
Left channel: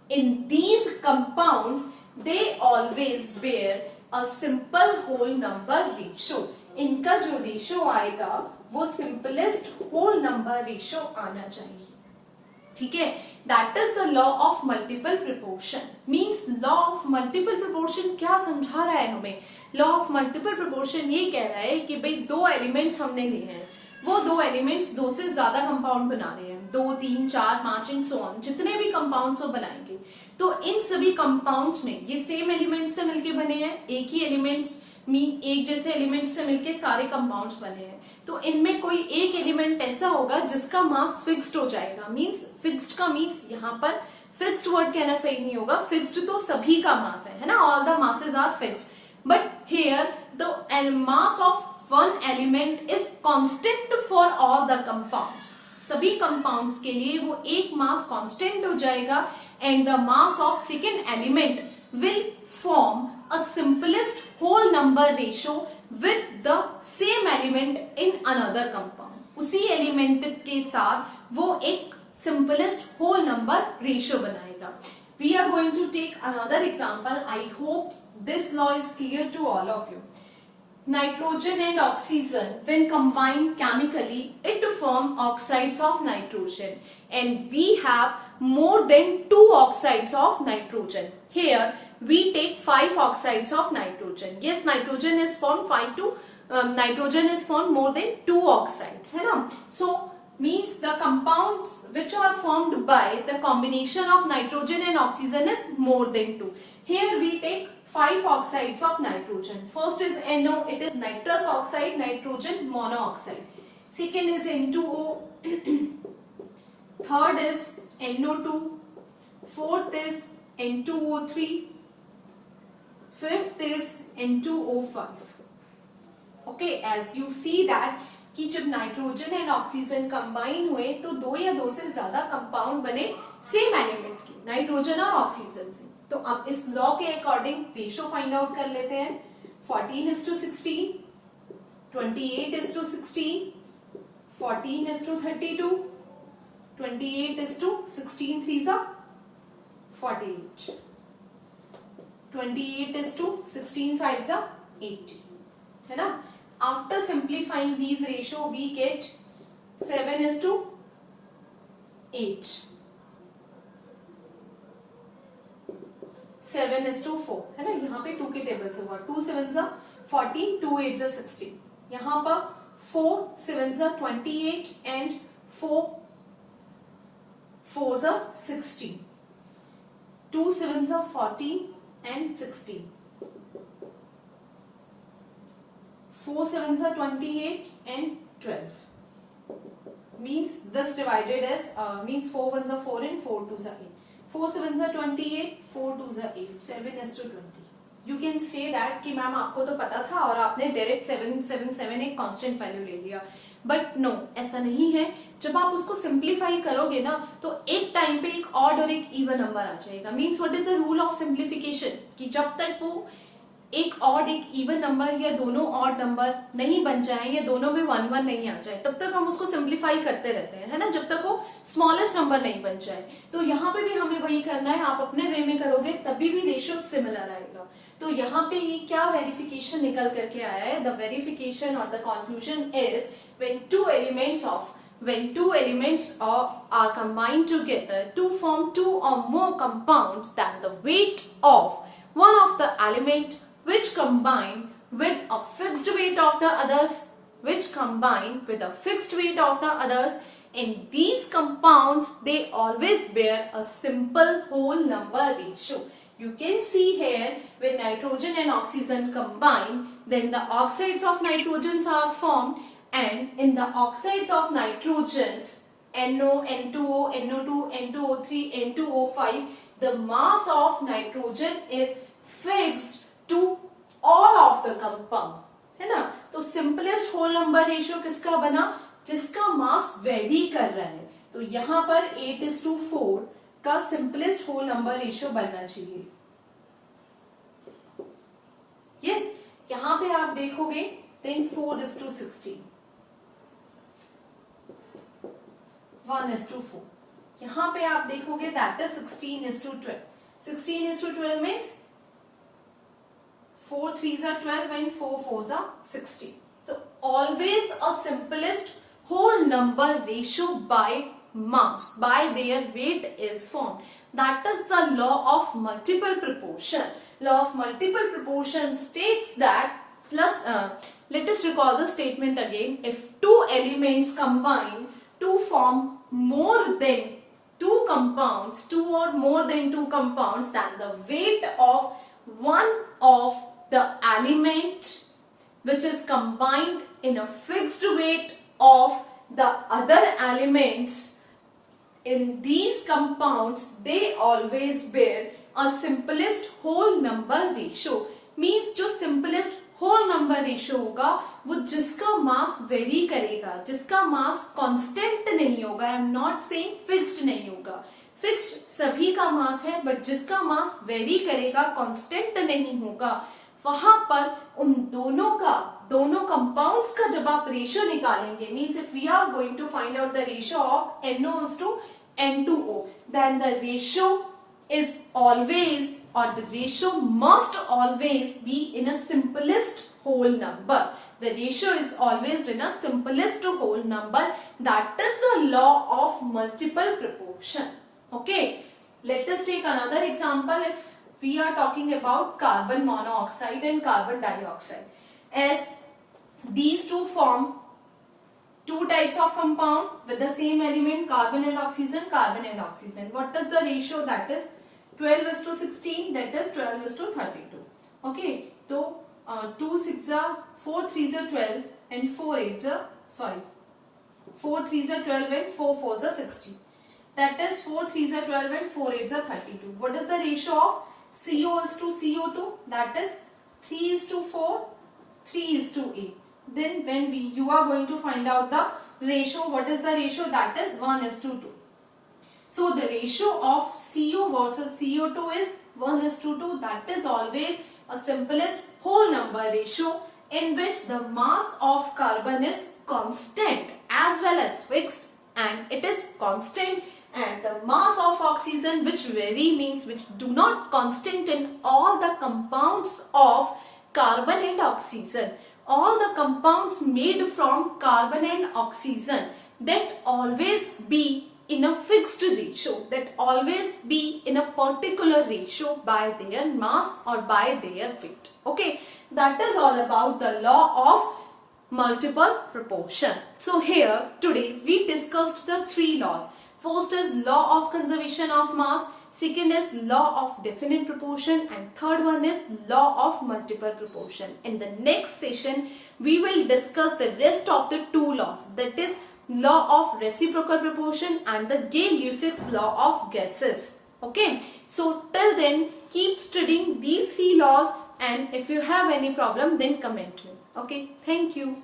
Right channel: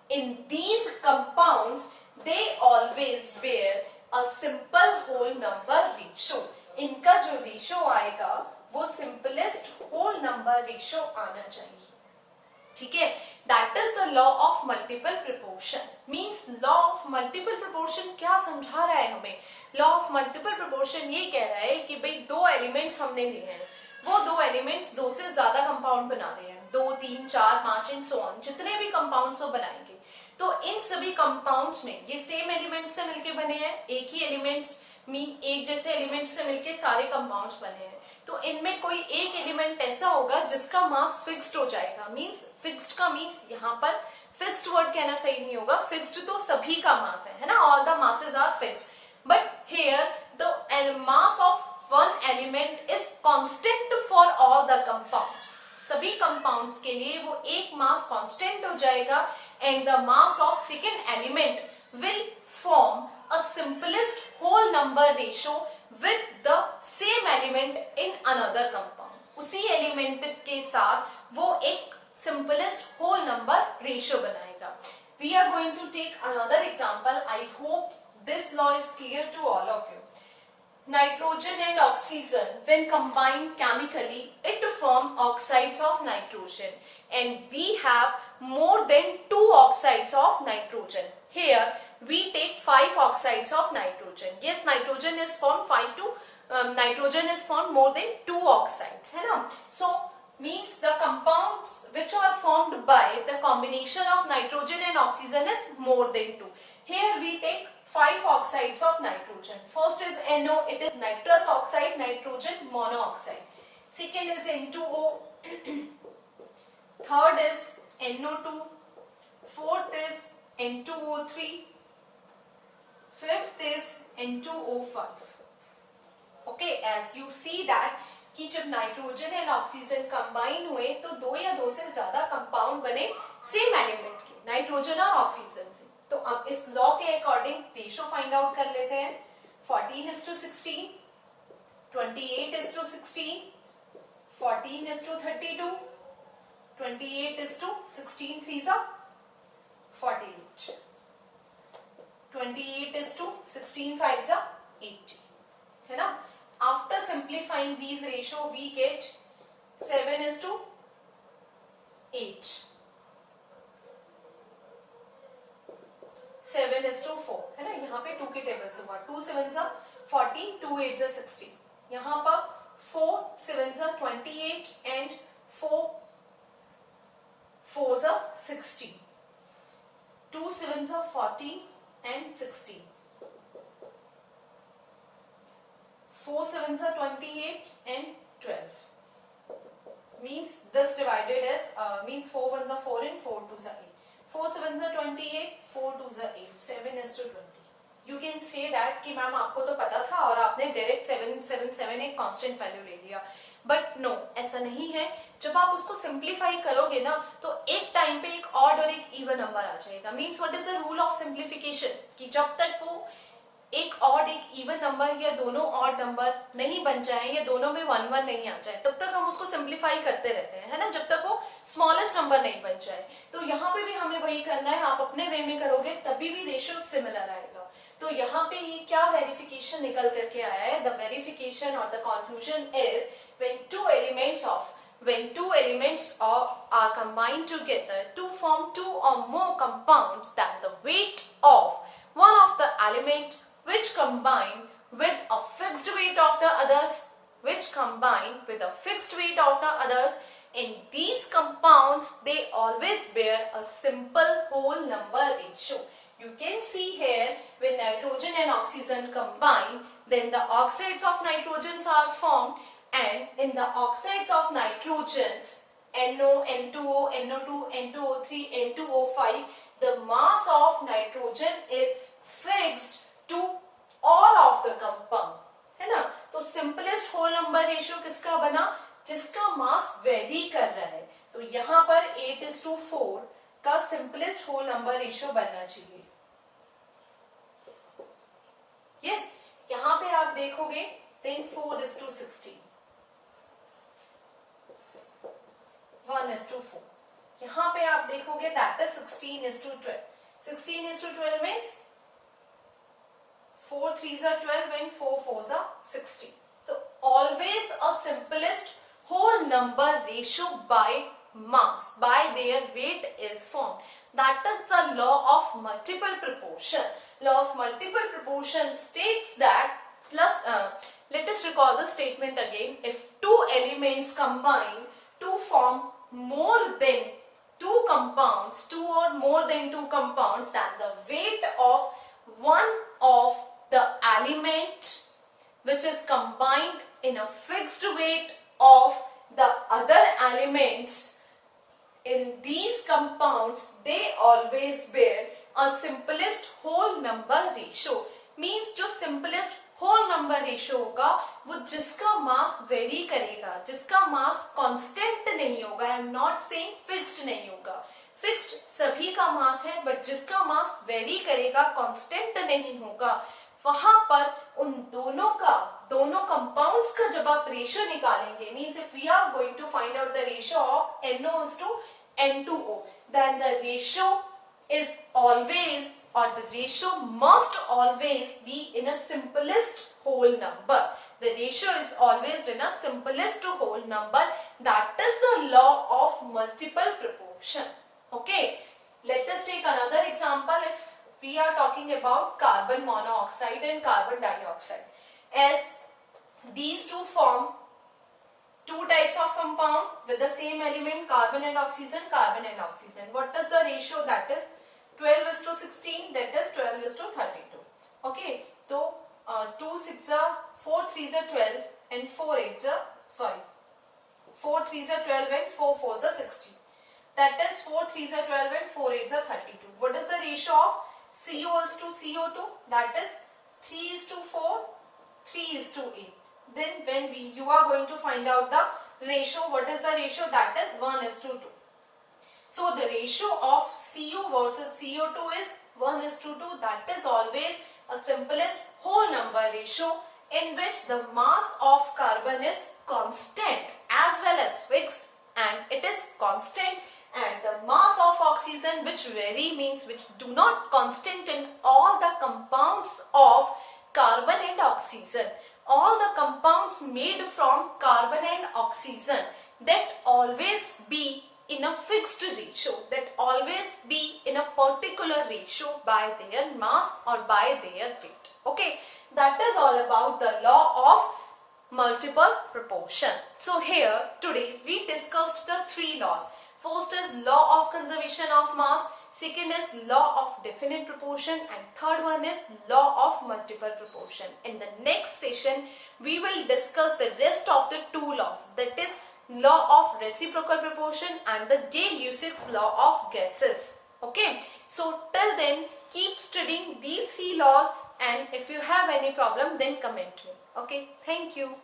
in these compounds they always bear a simple whole number ratio. इनका जो रेशियो आएगा वो सिंपलेस्ट होल नंबर रेशियो आना चाहिए। ठीक है, that is the law of multiple proportion. Means law of multiple proportion क्या समझा रहा है हमें? लॉ ऑफ मल्टीपल प्रोपोर्शन ये कह रहा है कि भाई दो एलिमेंट्स हमने लिए हैं, वो दो एलिमेंट्स दो से ज्यादा कंपाउंड बना रहे हैं, 2, 3, 4, 5 एंड सो ऑन, जितने भी कंपाउंड्स वो बनाएंगे, तो इन सभी कंपाउंड्स में ये सेम एलिमेंट्स से मिलके बने हैं, एक ही एलिमेंट्स एक जैसे एलिमेंट्स से मिलके सारे कंपाउंड्स बने हैं। तो इनमें कोई एक एलिमेंट ऐसा होगा जिसका मास फिक्स्ड हो जाएगा। मींस फिक्स्ड का मींस यहाँ पर फिक्स्ड वर्ड कहना सही नहीं होगा, फिक्स्ड तो सभी का मास है ना, all the masses are fixed, but here the mass of one element is constant for all the compounds. सभी कंपाउंड्स के लिए वो एक मास कांस्टेंट हो जाएगा and the mass of second element will form a simplest whole number ratio with the same element in another compound. उसी element के साथ वो एक simplest whole number ratio बनाएगा। We are going to take another example. I hope this law is clear to all of you. Nitrogen and oxygen, when combined chemically, it form oxides of nitrogen, and we have more than 2 oxides of nitrogen. Here we take 5 oxides of nitrogen. Yes, nitrogen is formed nitrogen is formed more than 2 oxides, है ना? So means the compounds which are formed by the combination of nitrogen and oxygen is more than 2. Here we take 5 oxides of nitrogen. First is NO, it is nitrous oxide, nitrogen monoxide. Second is N2O. Third is NO2. Fourth is N2O3. Fifth is N2O5. Okay, as you see that कि जब nitrogen and oxygen combine हुए तो दो या दो से ज्यादा compound बने सेम एलिमेंट के, नाइट्रोजन और ऑक्सीजन से। तो अब इस लॉ के अकॉर्डिंग रेशो फाइंड आउट कर लेते हैं। 14:16, 28:16, 14:32, 28:16 3s are 48, 28:16 5s are 80, है ना। After simplifying these ratio we get 7:8, 7:4, है ना। यहाँ पे 2 के टेबल से हुआ, 2 7s are 14, 2 8s are 16। यहाँ पर 4 7s are 28 and 4 4s are 16, 2 7s are 14 and 16, 4 7s are 28 and 12. Means this divided as means 4 1s are 4 and 4 2s are 8. 4 7s are 28, 4 2s are 8, 7:20. You can say that कि ma'am आपको तो पता था और आपने direct 777 एक constant value ले लिया, बट नो, ऐसा नहीं है। जब आप उसको सिंप्लीफाई करोगे ना तो एक टाइम पे एक ऑड और एक इवन नंबर आ जाएगा। Means what is the rule of simplification, कि जब तक वो एक ऑड एक इवन नंबर या दोनों ऑड नंबर नहीं बन जाए या दोनों में 1 1 नहीं आ जाए तब तक हम उसको सिंप्लीफाई करते रहते हैं, है ना, जब तक वो स्मॉलेस्ट नंबर नहीं बन जाए। तो यहाँ पे भी हमें वही करना है, आप अपने वे में करोगे तभी भी रेशियो सिमिलर आएगा। तो यहाँ पे ये क्या वेरिफिकेशन निकल करके आया है? द वेरिफिकेशन और the conclusion is when two elements are combined together to form two or more compounds, then the weight of one of the element which combine with a fixed weight of the others in these compounds, they always bear a simple whole number ratio. You can see here, when nitrogen and oxygen combine, then the oxides of nitrogens are formed, and in the oxides of nitrogens, NO, N2O, NO2, N2O3, N2O5, the mass of nitrogen is fixed to all of the compound, है ना? तो simplest whole number ratio किसका बना? जिसका mass vary कर रहा है. तो यहाँ पर 8:4 का simplest whole number ratio बनना चाहिए. Yes, यहाँ पे आप देखोगे then 4:16. 1:4. यहाँ पे आप देखोगे that is 16:12. 16:12 means 4 3s are 12 and 4 4s are 16. So always a simplest whole number ratio by mass, by their weight is formed. That is the law of multiple proportion. Law of multiple proportion states that let us recall the statement again. If two elements combine to form more than two compounds, two or more than two compounds, then the weight of one of the element which is combined in a fixed weight of the other elements in these compounds, they always bear a simplest whole number ratio. Means जो simplest whole number ratio होगा वो जिसका mass vary करेगा, जिसका mass constant नहीं होगा. I am not saying fixed नहीं होगा. फिक्स्ड सभी का मास है, बट जिसका मास वेरी करेगा, कांस्टेंट नहीं होगा, वहां पर उन दोनों कंपाउंड्स का जब आप रेशियो निकालेंगे, means if we are going to find out the ratio of NO N2O, then the ratio is always, or the ratio must always be in a simplest whole number. The ratio is always in a simplest whole number. That is the law of multiple proportion. Okay, let us take another example. If we are talking about carbon monoxide and carbon dioxide, as these two form two types of compound with the same element, carbon and oxygen, carbon and oxygen. What is the ratio? That is 12:16, that is 12:32. Okay, so 2 6 are 4 3s are 12 and 4 8s are 4 3s are 12 and 4 4s are 16. That is 4 3s are 12 and 4 8s are 32. What is the ratio of CO:CO2? That is 3:4, 3:8. Then when you are going to find out the ratio, what is the ratio? That is 1:2. So the ratio of CO versus CO2 is 1:2. That is always a simplest whole number ratio in which the mass of carbon is constant as well as fixed, and it is constant, and the mass of oxygen, which vary, means which do not constant in all the compounds of carbon and oxygen. All the compounds made from carbon and oxygen, that always be in a fixed ratio, that always be in a particular ratio by their mass or by their weight. Okay, that is all about the law of multiple proportion. So here today we discussed the three laws. First is law of conservation of mass, second is law of definite proportion, and third one is law of multiple proportion. In the next session we will discuss the rest of the two laws, that is law of reciprocal proportion and the Gay-Lussac's law of gases. Okay, so till then keep studying these three laws, and if you have any problem then comment me. Okay, thank you.